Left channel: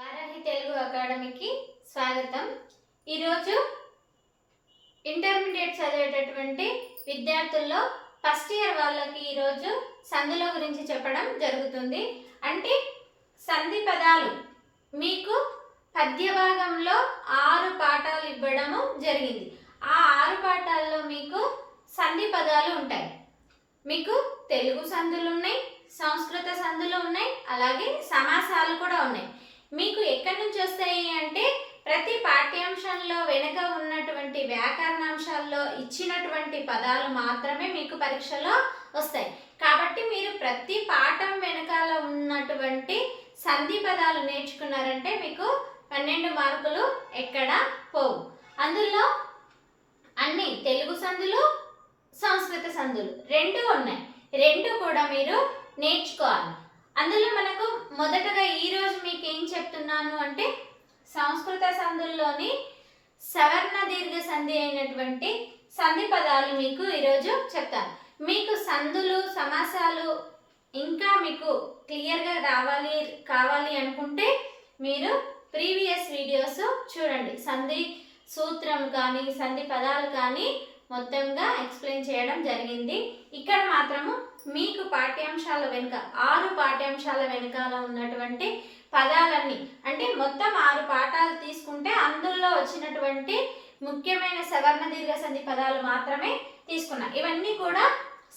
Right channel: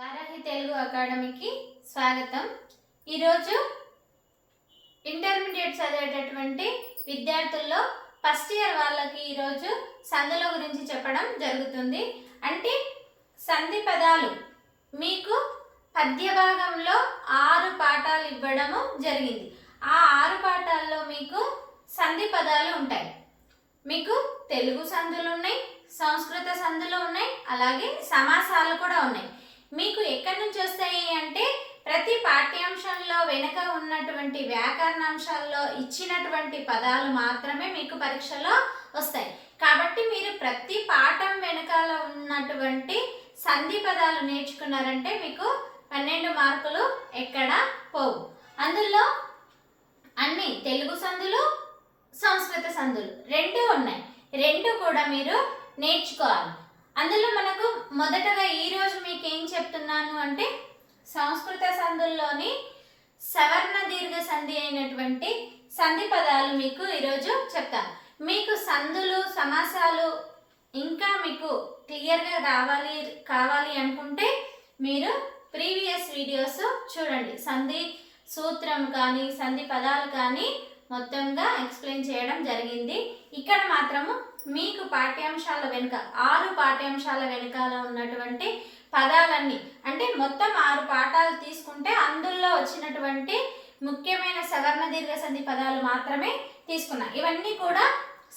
వారాహి తెలుగు అకాడమీకి స్వాగతం. ఈరోజు ఇంటర్మీడియట్ చదివేటటువంటి విద్యార్థుల్లో ఫస్ట్ ఇయర్ వాళ్ళకి ఈరోజు సందుల గురించి చెప్పడం జరుగుతుంది. అంటే సంధి పదాలు మీకు పద్య భాగంలో ఆరు పాఠాలు ఇవ్వడము జరిగింది. ఆ ఆరు పాఠాల్లో మీకు సంధి పదాలు ఉంటాయి. మీకు తెలుగు సందులు ఉన్నాయి సంస్కృత సందులు ఉన్నాయి అలాగే సమాసాలు కూడా ఉన్నాయి. మీకు ఎక్కడి నుంచి వస్తాయి అంటే ప్రతి పాఠ్యాంశంలో వెనుక ఉన్నటువంటి వ్యాకరణాంశాల్లో ఇచ్చినటువంటి పదాలు మాత్రమే మీకు పరీక్షలో వస్తాయి. కాబట్టి మీరు ప్రతి పాఠం వెనకాల ఉన్నటువంటి సంధి పదాలు నేర్చుకున్నారంటే మీకు పన్నెండు మార్కులు ఎక్కడ పోవు. అందులో అన్ని తెలుగు సందులు సంస్కృత సందులు రెండు ఉన్నాయి. రెండు కూడా మీరు నేర్చుకోవాలి. అందులో మనకు మొదటగా ఈరోజు మీకు ఏం చెప్తున్నాను అంటే సంస్కృత సందుల్లోని సవర్ణ దీర్ఘ సంధి అయినటువంటి సంధి పదాలు మీకు ఈరోజు చెప్తాను. మీకు సందులు సమాసాలు ఇంకా మీకు క్లియర్గా రావాలి కావాలి అనుకుంటే మీరు ప్రీవియస్ వీడియోస్ చూడండి. సంధి సూత్రం కానీ సంధి పదాలు కానీ మొత్తంగా ఎక్స్ప్లెయిన్ చేయడం జరిగింది. ఇక్కడ మాత్రము మీకు పాఠ్యాంశాల వెనుక ఆరు పాఠ్యాంశాల వెనుకాల ఉన్నటువంటి పదాలన్నీ అంటే మొత్తం ఆరు పాఠాలు తీసుకుంటే అందులో వచ్చినటువంటి ముఖ్యమైన సవర్ణ దీర్ఘ సంధి పదాలు మాత్రమే తీసుకున్నా. ఇవన్నీ కూడా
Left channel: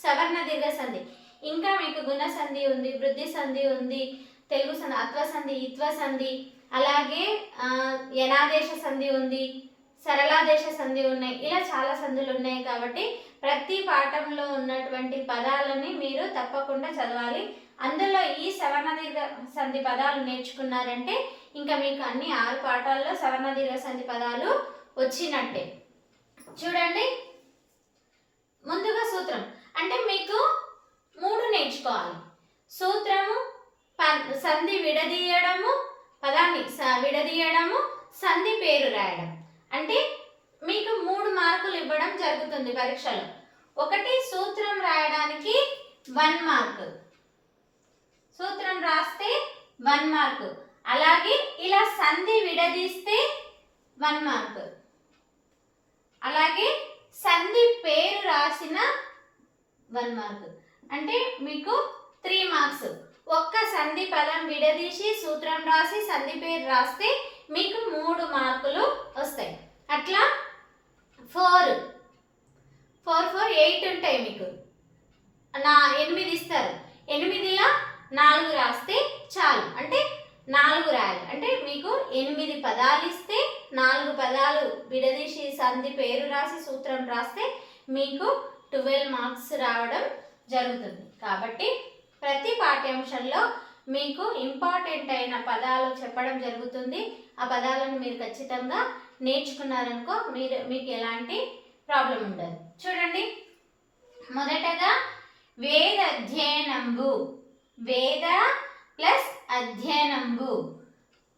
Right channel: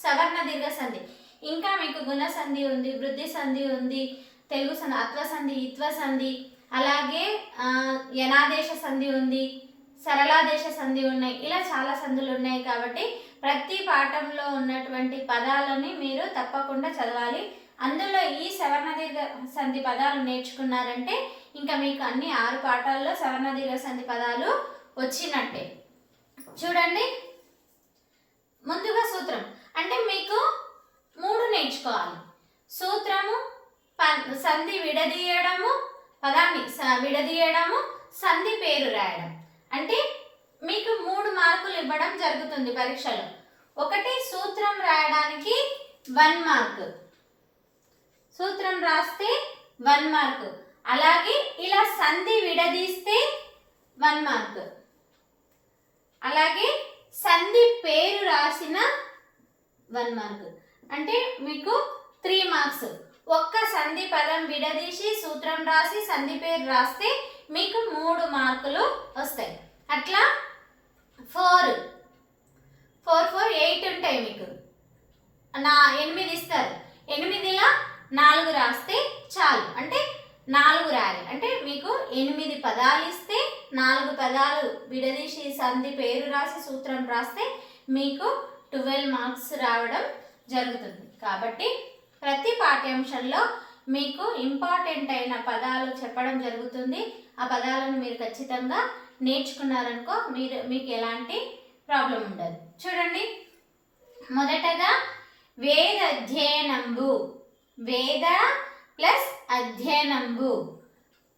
సవర్ణ దీర్ఘ సంధి. ఇంకా మీకు గుణ సంధి ఉంది వృద్ధి సంధి ఉంది తెలుగు సంధి అత్వ సంధి ఇత్వ సంధి అలాగే యనాదేశ సంధి ఉంది సరళాదేశ సంధి ఉన్నాయి ఇలా చాలా సంధులు ఉన్నాయి కాబట్టి ప్రతి పాఠంలో ఉన్నటువంటి పదాలని మీరు తప్పకుండా చదవాలి. అందులో ఈ సవర్ణ దీర్ఘ సంధి పదాలు నేర్చుకున్నారంటే ఇంకా మీకు అన్ని ఆరు పాఠాల్లో సవర్ణ దీర్ఘ సంధి పదాలు వచ్చినట్టే. చూడండి. ముందుగా సూత్రం. అంటే మీకు మూడు నేర్చుకోవాలి. సూత్రము ప- సంధి విడదీయడము పదాన్ని స- విడదీయడము సంధి పేరు రాయడం. అంటే మీకు మూడు మార్కులు ఇవ్వడం జరుగుతుంది పరీక్షలో. ఒకటి సూత్రం రాయడానికి వన్ మార్క్. సూత్రం రాస్తే వన్ మార్క్. అలాగే ఇలా సంధి విడదీస్తే వన్ మార్క్. అలాగే సంధి పేరు రాసిన వన్ మార్క్. అంటే మీకు త్రీ మార్క్స్. ఒక్క సంధి పదం విడదీసి సూత్రం రాసి సంధి పేరు రాస్తే మీకు మూడు మార్కులు వస్తాయి. అట్లా ఫోర్. ఫోర్ ఫోర్ ఎయిట్ ఉంటాయి మీకు. నా ఎనిమిది ఇస్తారు. ఎనిమిదిలా నాలుగు రాస్తే చాలు. అంటే నాలుగు రాయాలి. అంటే మీకు ఎనిమిది పదాలు ఇస్తే నాలుగు పదాలు విడదీసి సంధి పేరు రాసి సూత్రం రాస్తే మీకు ట్వెల్వ్ మార్క్స్ రావడం జరుగుతుంది. కాబట్టి ప్రతి పాఠ్యాంశంలో మీకు ఇంపార్టెంట్ అయిన పదాలు చెప్పడం జరుగుతుంది. ఆ పదాలను మీరు ఖచ్చితంగా నేర్చుకున్నారనుకో మీరు మీకు ఎలాంటి ప్రాబ్లం ఉండదు. చూడండి. మొదటగా వేద అధ్యయనంబు. వేద ప్లస్ అధ్యయనంబు.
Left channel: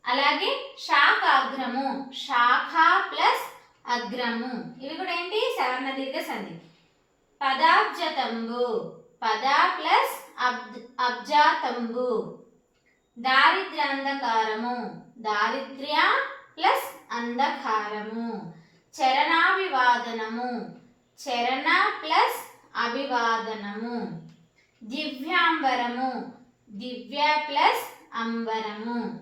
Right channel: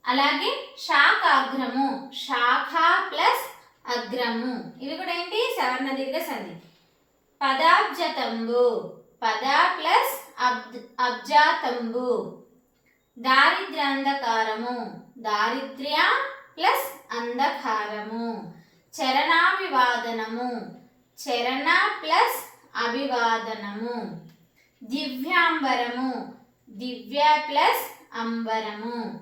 అలాగే శాఖాగ్రము. శాఖ ప్లస్ అగ్రము. ఇవి కూడా ఏంటి? సవర్ణ దీర్ఘ సంధి. పదాబ్జతంబు. పద ప్లస్ అబ్ అబ్జాతంబు. దారిద్ర్యాంధకారము. దారిద్ర్య ప్లస్ అంధకారము చరణాభివాదనము. చరణ ప్లస్ అభివాదనము. దివ్యాంబరము. దివ్య ప్లస్ అంబరము.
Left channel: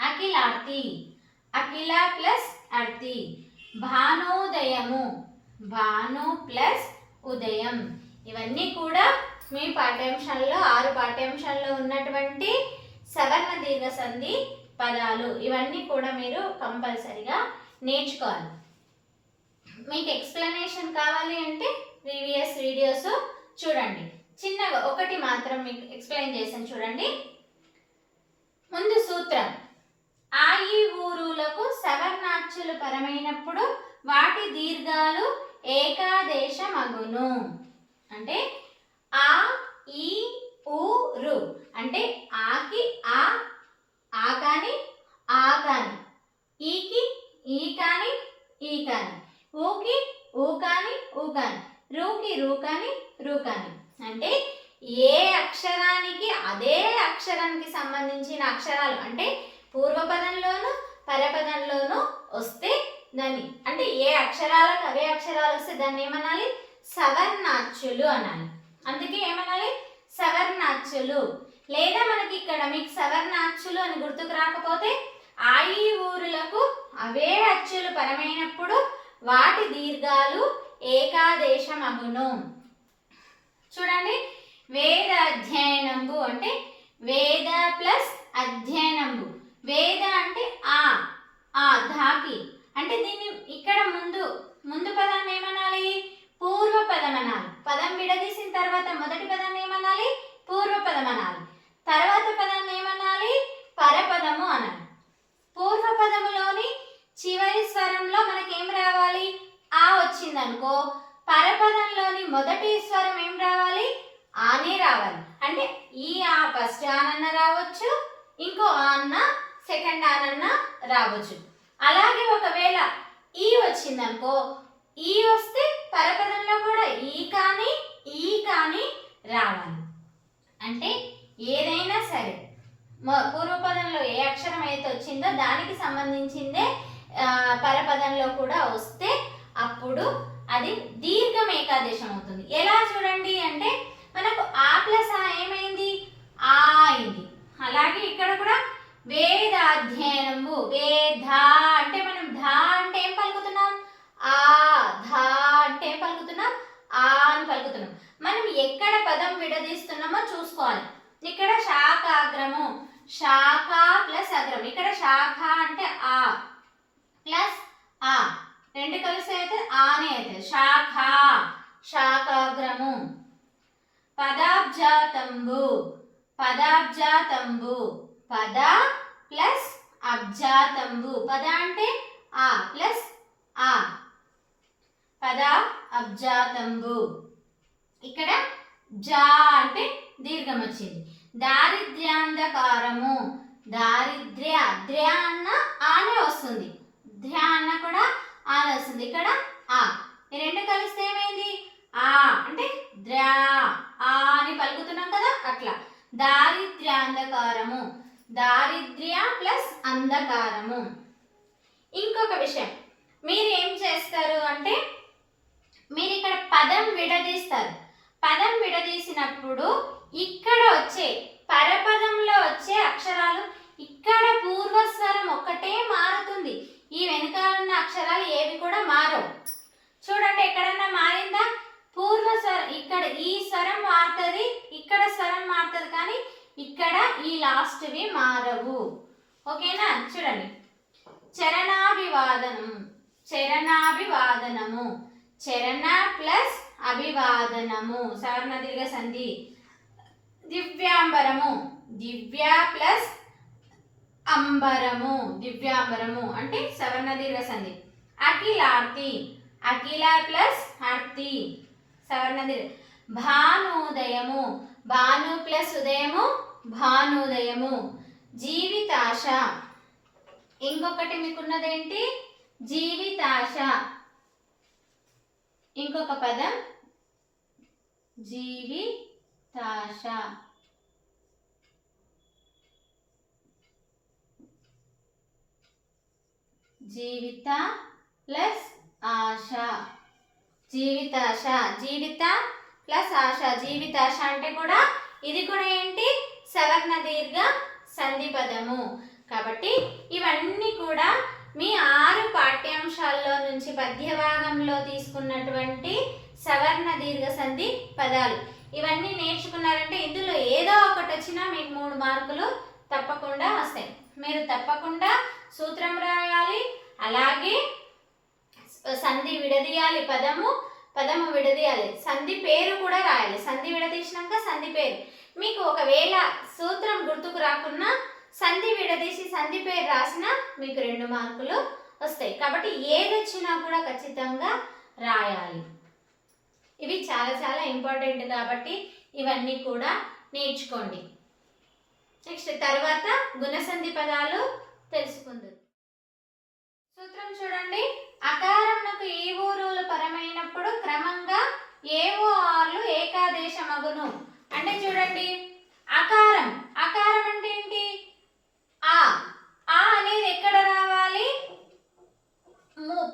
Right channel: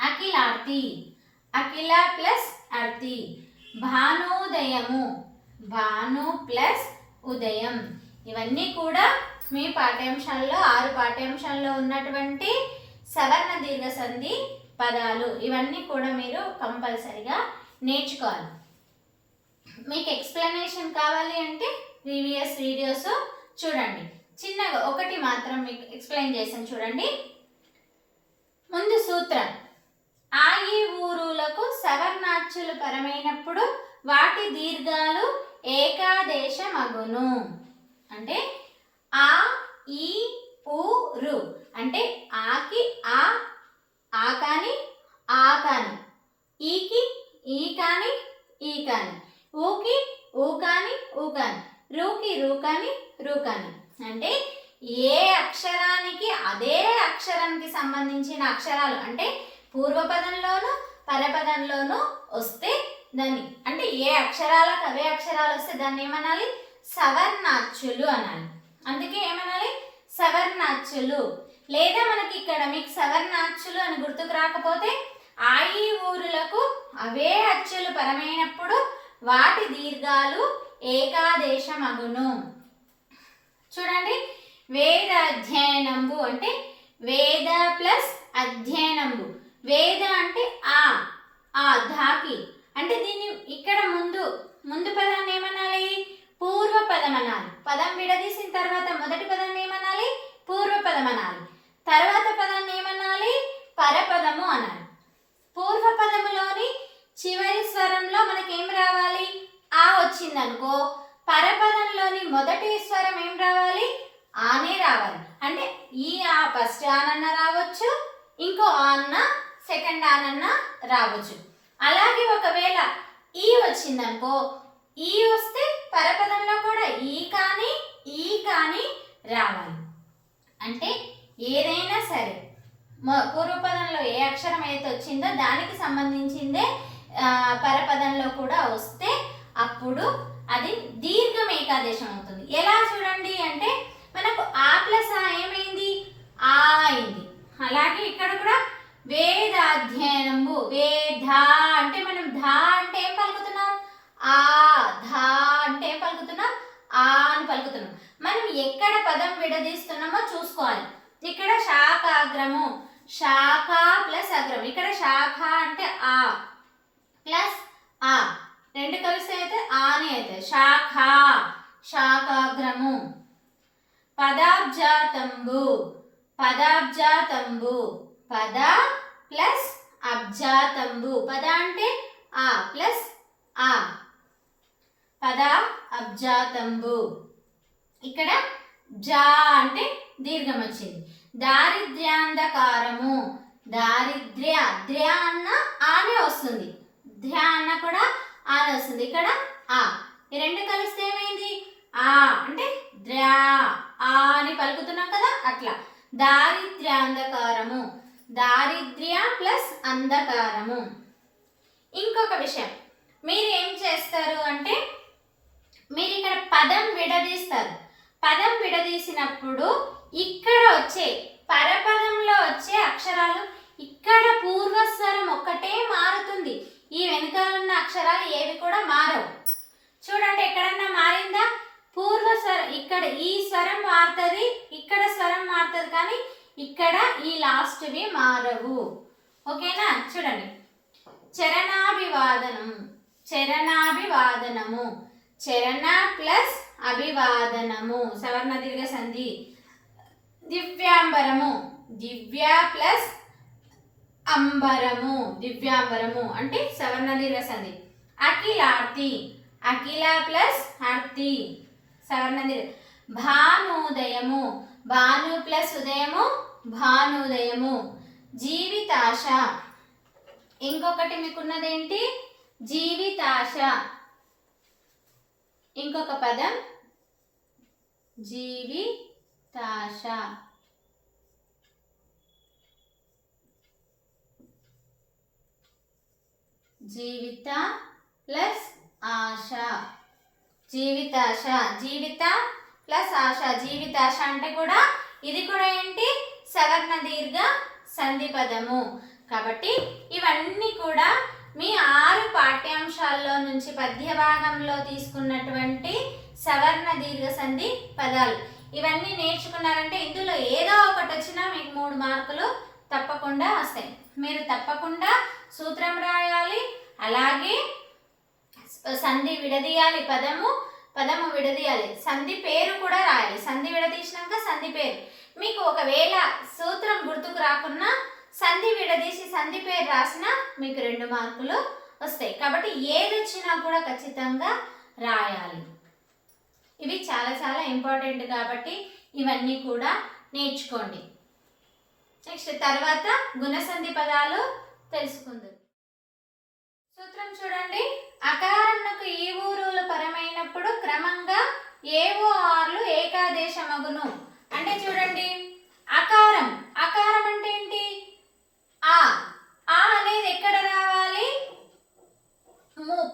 అఖిలార్తి. అఖిల ప్లస్ అర్తి. భానోదయము. భాను ప్లస్ ఉదయం. ఇవన్నీ కూడా మీ పాఠ్యాంశాల్లో ఆరు పాఠ్యాంశాల్లో ఉన్నటువంటి సవర్ణ దీర్ఘ సంధి పదాలు ఇవన్నీ కూడా మీరు కంపల్సరిగా నేర్చుకోవాలి. మీకు ఎక్స్ప్లెనేషన్ కావాలి అంటే ప్రీవియస్ వీడియోస్ చూడండి. చిన్నగా ఒకటి మాత్రం మీకు ఎక్స్ప్లెయిన్ చేశాను చూడండి. ముందు సూత్రం. ఆ ఈ ఊరులకు సవర్ణాచ్యులు పరమైనప్పుడు వాటి దీర్ఘాలు ఏకాదేశమగును. అంటే ఆ ఈ ఊరు అంటే ఆకి ఆ ఆ కానీ ఆ కానీ. ఈకి ఈ కానీ ఈ కానీ. ఊకి ఊ కానీ ఊ కానీ. రూకి రూ కానీ రూ కానీ. అంటే ఏ అక్షరానికి అదే అక్షరానికి సంబంధించిన అక్షరాలు అంటే పూర్వపదంలోనూ పరపదంలోనూ వస్తే దాన్ని అంటే ఏ అక్షరాలకు అవే అక్షరాలు వస్తే దాన్ని ఏమనాలి? సవర్ణాచ్యులు అనాలి. అందుకే ఏమనాలి? సవర్ణాచ్యులు లేదా మనకి ఇక్కడ మీకు సవర్ణాచ్యులు అని గుర్తుకు రాకపోతే ఆయి ఊరులకు అవే అచ్చులు పరమైనప్పుడు వాటి దీర్ఘాలు ఏకాదేశం అగును చూడండి వేద అధ్యయనంబు అంటే వేద ప్లస్ అధ్యయనంబు. వేద అంటే ఆ ఆ ధాకి. అంటే దీన్ని ఇక్కడ ముందు ముందు పదాన్ని ఏమనాలి? పూర్వ పదం అనాలి పదం విడదీసిన తర్వాత మొదటి పదాన్ని ఏమనాలి? పూర్వ పదం అనాలి తర్వాత పదాన్ని ఏమనాలి? పరపదము అనాలి. పూర్వ పదములోని చివరి స్వరంలో మనకేం రావాలి? ఆ వచ్చిందనుకో. పరపదంలోని మొదటి స్వరం ఏం రావాలి? ఆనే రావాలి. అంటే ఈ ఆ ఫస్ట్ ఆనన్న రావచ్చు. ఇంకో ఆన్న సెకండ్ ఆనన్న రావచ్చు. అలాగే ఒకవేళ ఈ వచ్చిందనుకో ఈ వస్తే పరపదంలో కూడా ఈ కానీ ఈ కానీ రావాలి. అంటే ఏదైనా సరే. పూర్వపదంలో ఏ అక్షరం అయితే వచ్చిందో దానికి సంబంధించిందే పరపదంలో కూడా వస్తే అప్పుడు అది దీర్ఘం ఏకాదేశం అవుతుంది. ఎలా చూడండి అంటే మనకు ఆ ప్లస్ ఆ ఏమైంది? ఆ అయింది. అలాగే ఇక్కడ కూడా వేద అధ్యయనము వేధ అంటే మనం ధా అంటే ఏం పలుకుతున్నాం? ఆ ధా అంటే ఏం పలుకుతున్నాం? ఆ అని పలుకుతున్నాం. మనం ఎక్కడ పదం విడదీస్తున్నామో చూసుకోవాలి. ఇక్కడ శాఖాగ్రము శాఖ ప్లస్ అగ్రం ఇక్కడ శాఖ అంటే ఆ ప్లస్ ఆ. రెండు కలిసి అయితే ఆని అయితే. శాఖ. శాఖాగ్రము పదాబ్జాతంబు. పదాబ్జాతంబు. పద ప్లస్ అబ్జాతంబు. పద అంటే ఆ ప్లస్ ఆ. పద అబ్జాతంబు. ఇక్కడ జా అంటే దీర్ఘం వచ్చింది దారిద్ర్యాంధకారము. దారిద్ర్య ద్ర్య అన్న ఆనే వస్తుంది. ధ్య అన్న కూడా ఆనే వస్తుంది. ఇక్కడ ఆ. ఈ రెండు కలిస్తే ఏమైంది? ఆ. అంటే ద్ర్యా ఆ అని పలుకుతున్నాం కదా అట్లా. దారిద్ర్యాంధకారము. దారిద్ర్య ప్లస్ అంధకారము. ఇంకొక విషయం. మీరు ఏం చేస్తారు అంటే మీరు ఇక్కడ పదం విడదీస్తారు. పదం విడదీసినప్పుడు ఇక్కడ వచ్చే పరపదంలో వచ్చే అక్షరాలు ఇక్కడ పూర్వస్వరం ఒక్కటే మారుతుంది. ఈ వెనకాల ఉన్న అక్షరాలు ఏవి కూడా మారవు. చూడండి ఎక్కడన్నా మారిందా? పూర్వ స్వరం ఇక్కడ ఈ స్వరం మారుతుంది ఇక్కడ స్వరం మారుతుంది కానీ ఇక్కడ ఈ లాస్ట్వి మారవు. ఓకేనా? చూడండి. చరణాభివాదనం చరణాభివాదనము చరణ ప్లస్ అభివాదనము. సవర్ణ దీర్ఘ సంధి దివ్యాంబరము. దివ్య ప్లస్ అంబరము. దివ్యాంబరము అంటే సవర్ణ దీర్ఘ సంధి అఖిలార్తి. అఖిల ప్లస్ అర్తి సవర్ణ దీర్ఘ భానుదయము. భాను ప్లస్ ఉదయము భానుదయము. జీవితాశ. ఇంకొకటి మీకున్నదేంటి? జీవితాశ. ఇంకొక పదం. జీవితాశ. జీవిత ప్లస్ ఆశ. జీవితాశ జీవిత ప్లస్ ఆశ. జీవితాశ అంటే కూడా ఇది కూడా ఏంటి? సవర్ణ దీర్ఘ సంధిపదము కాబట్టి ఇవన్నీ కూడా మీ ఆరు పాఠ్యాంశాల్లో నుంచి పద్య భాగంలో తీసుకున్నటువంటి సవర్ణ దీర్ఘ సంధి పదాలు. ఇవన్నీ నేర్చుకున్నారంటే ఇందులో ఏదో ఒకటి వచ్చినా మీకు మూడు మార్కులు తప్పకుండా వస్తాయి. మీరు తప్పకుండా సూత్రం రాయాలి అలాగే సంధి విడదీయాలి పదము పదము విడదీయాలి. సంధి పేరు కూడా రాయాలి. సంధి విడదీసినాక సంధి పేరు. మీకు ఒకవేళ సూత్రం గుర్తుకు రాకున్నా సంధి విడదీసి సంధి పేరు రాసినా మీకు రెండు మార్కులు వస్తాయి. కాబట్టి ఏది వచ్చినా కూడా ఖచ్చితంగా రాయాలి. ఇవి చాలా చాలా ఇంపార్టెంట్ కాబట్టి ఇవన్నీ కూడా నేర్చుకోండి. నెక్స్ట్ తర్వాత గుణసంధి పదాలు తెలుసుకుందాం. సూత్రం చూడండి. అకారమునకు ఈ ఊరులు పరమైనప్పుడు క్రమంగా ఏవో ఆర్లు ఏకాదేశమగును. అంటే చూడండి. అకారం. అకారం అంటే ఏంటి? ఆ. ఆ అనేది ఎక్కడ రావాలి?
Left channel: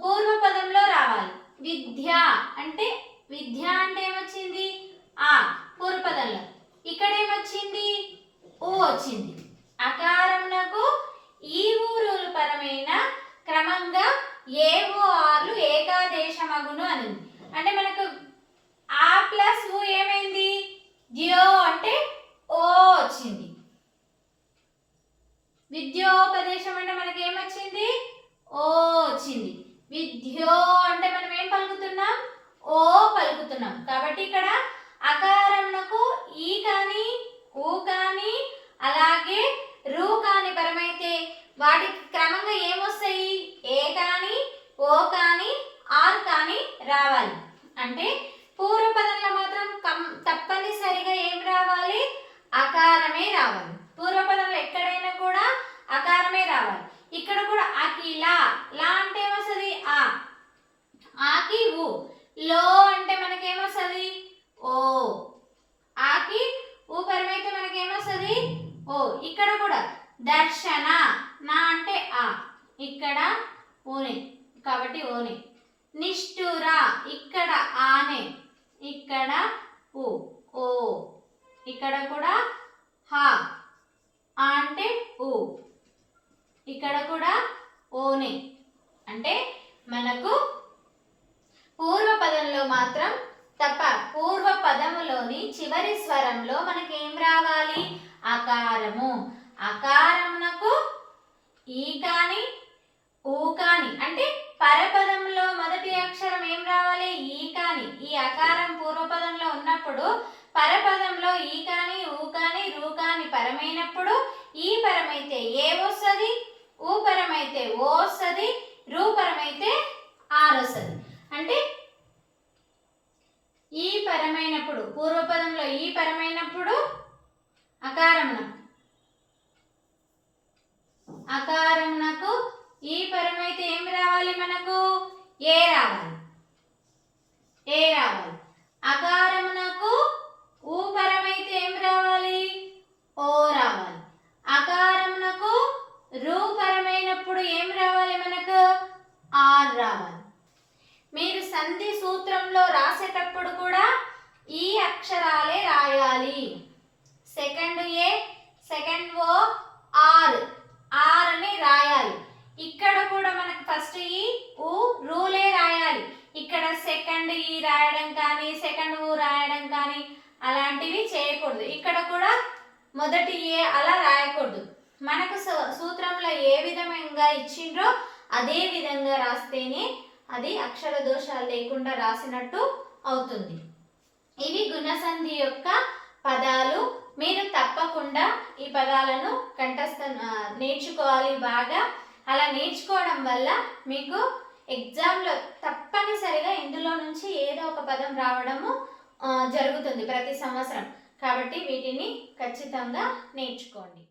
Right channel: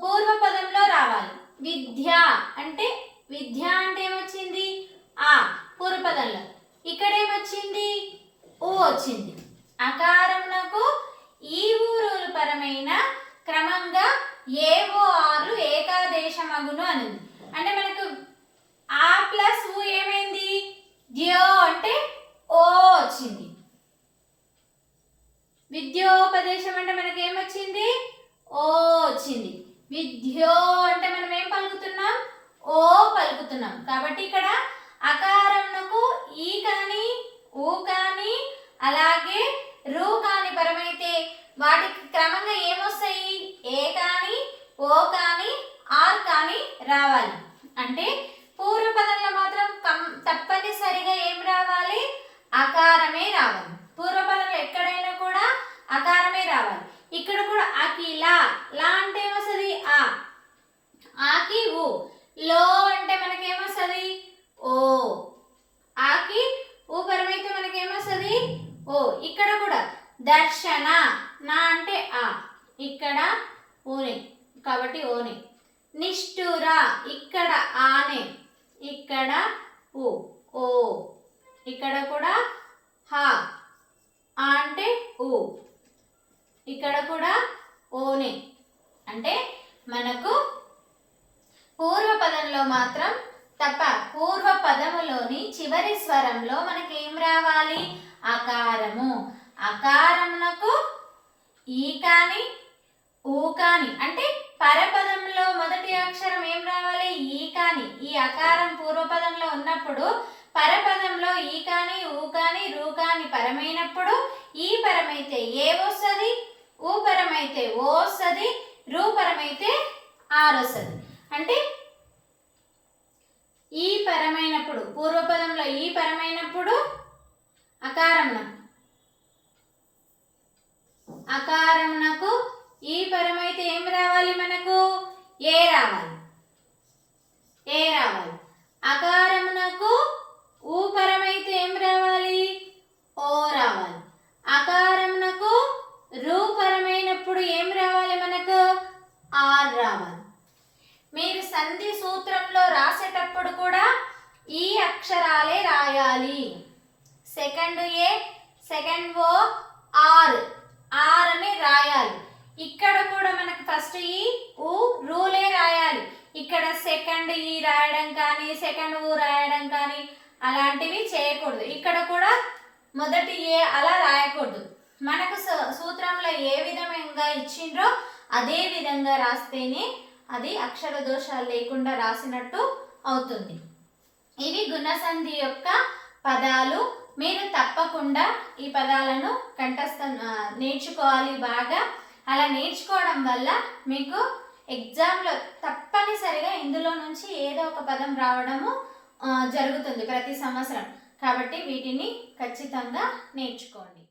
పూర్వ పదంలో రావాలి. విద్య. అంటే విద్య అంటే ఏమొచ్చింది? ఆ పూర్వపదంలో. ఇక్కడ ఏమొచ్చింది ఊ వచ్చింది. అకారంలో ఈ ఊరులు పరమైన క్రమంగా ఏవో ఆర్లు ఏకాదేశమగును అని అంటే మనకు ఆ ప్లస్ ఊ ఏమైంది? ద్యో అంటే ఓ వచ్చింది. విద్యోపదేశం అంటే మనకి ఏమొచ్చింది? ఓ వచ్చింది. విద్యో అంటే మనం ఏం పలుకుతున్నాం? ఓ పలుకుతున్నాం. కాబట్టి ఇక్కడ అకారంనకు ఈ కానీ ఊ కానీ అలాగే రూ కాని పరమైతే వాటికి క్రమంగా ఏమొస్తాయి ఏ కానీ ఓ కానీ ఆర్ కానీ రావాలి అంటే పూర్వపదంలో మాత్రం కం తప్పనిసరిగా ఏం రావాలి అకారమే రావాలి పూర్వపదంలో ఎక్కడైనా కూడా అకారమే రావాలి ఇక్కడ కూడా లా లా అంటే ఏమొస్తుంది? ఆ. ఆకి ఊ. లో అంటే మనకేమొస్తుంది? ఓ. ఆకి ఊ పరమైతే మనకేమొస్తుంది? ఓ. ఇక్కడ కూడా. దర్శన. నా అంటే ఆ. ఇక్కడ ఓనే కాబట్టి ఓనే. నిష్ఠుర. ఇక్కడ ఆనే. ఇక్కడ ఊ. ఓ. ఇక్కడ కూడా హా. అంటే ఊ. ఇక్కడ కూడా ఓనే. అంటే మనకు పూర్వపదంలో మాత్రం తప్ప పూర్వ పదములోని చివరి స్వరంలో మనకి ఏం రావాలి? అకారము. అకారమునకు ఈ కాని ఊ కాని. అంటే పరపదంలో మొదటి అక్షరం ఏం రావాలి? ఈ కాని. ఈ అకారం పూర్వపదంలో ఉన్నప్పుడు పరపదంలో ఈ కాని ఊ కాని రూ కాని పరమైనప్పుడు ఈ పరమైతే ఏ వస్తుంది? ఊపరమైతే ఓసది రూపరమైతే వస్తుంది అంటే ఈ పరమైనప్పుడు పూర్వపదంలో ఈ పరమైనప్పుడు అకారమున. అకారమునకు ఈ పరమైతే ఏం రావాలి మనకు? ఏ రావాలి ఏ రావాలి అకారమునకు ఊ పరమైతే ఏం రావాలి ఓ రావాలి అకారమునకు రూ పరమైనప్పుడు ఏం రావాలి మనకు ఆర్ రావాలి మీరు సంధి సూత్రంలో రాసేటప్పుడు కూడా ఈ అక్షరాలే రాయాలి second A second O R R అని రాయాలి ఇక్కడ కూడా మనకు ఫస్ట్ ఈ ఊ రూలే రాయాలి ఇక్కడ సెకండ్ ఈ రాయడం కానీ సెకండ్ ఊ రాయడం కానీ రాయకూడదు. ఇక్కడ కూడా మొదటి ఏ అలా రాయకూడదు. మనకు సూత్రంలో ఏ విధంగా ఇచ్చిండ్రో అదే విధంగా రాస్తేనే అది అక్షర దోషాలు లేకుండా రాసినట్టు అవుతుంది. ఇవి గుణసంధి యొక్క పదాలు. మీరు తప్పకుండా ఈ పదాలను కంఠస్థ నేర్చుకోవాలి బాగా. అలా నేర్చుకోవడం వల్ల మీకు ఎగ్జామ్లో తప్పనిసరిగా ఇందులో నుంచి ఏదో ఒక పదం రావడము జరుగుతుంది ప్రతి సంవత్సరం. కాబట్టి వీటిని ఖచ్చితంగా నేర్చుకోండి.